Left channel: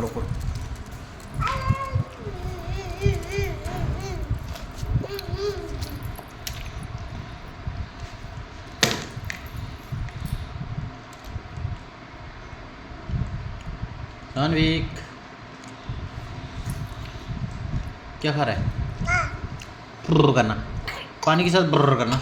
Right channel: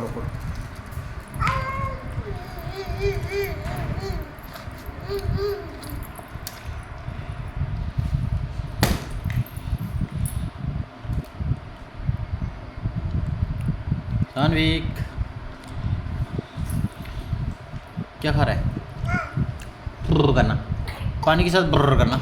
करो करो। सानविक क्या खा रहा है? ब्रर करना, पानी के साथ ब्रर करना।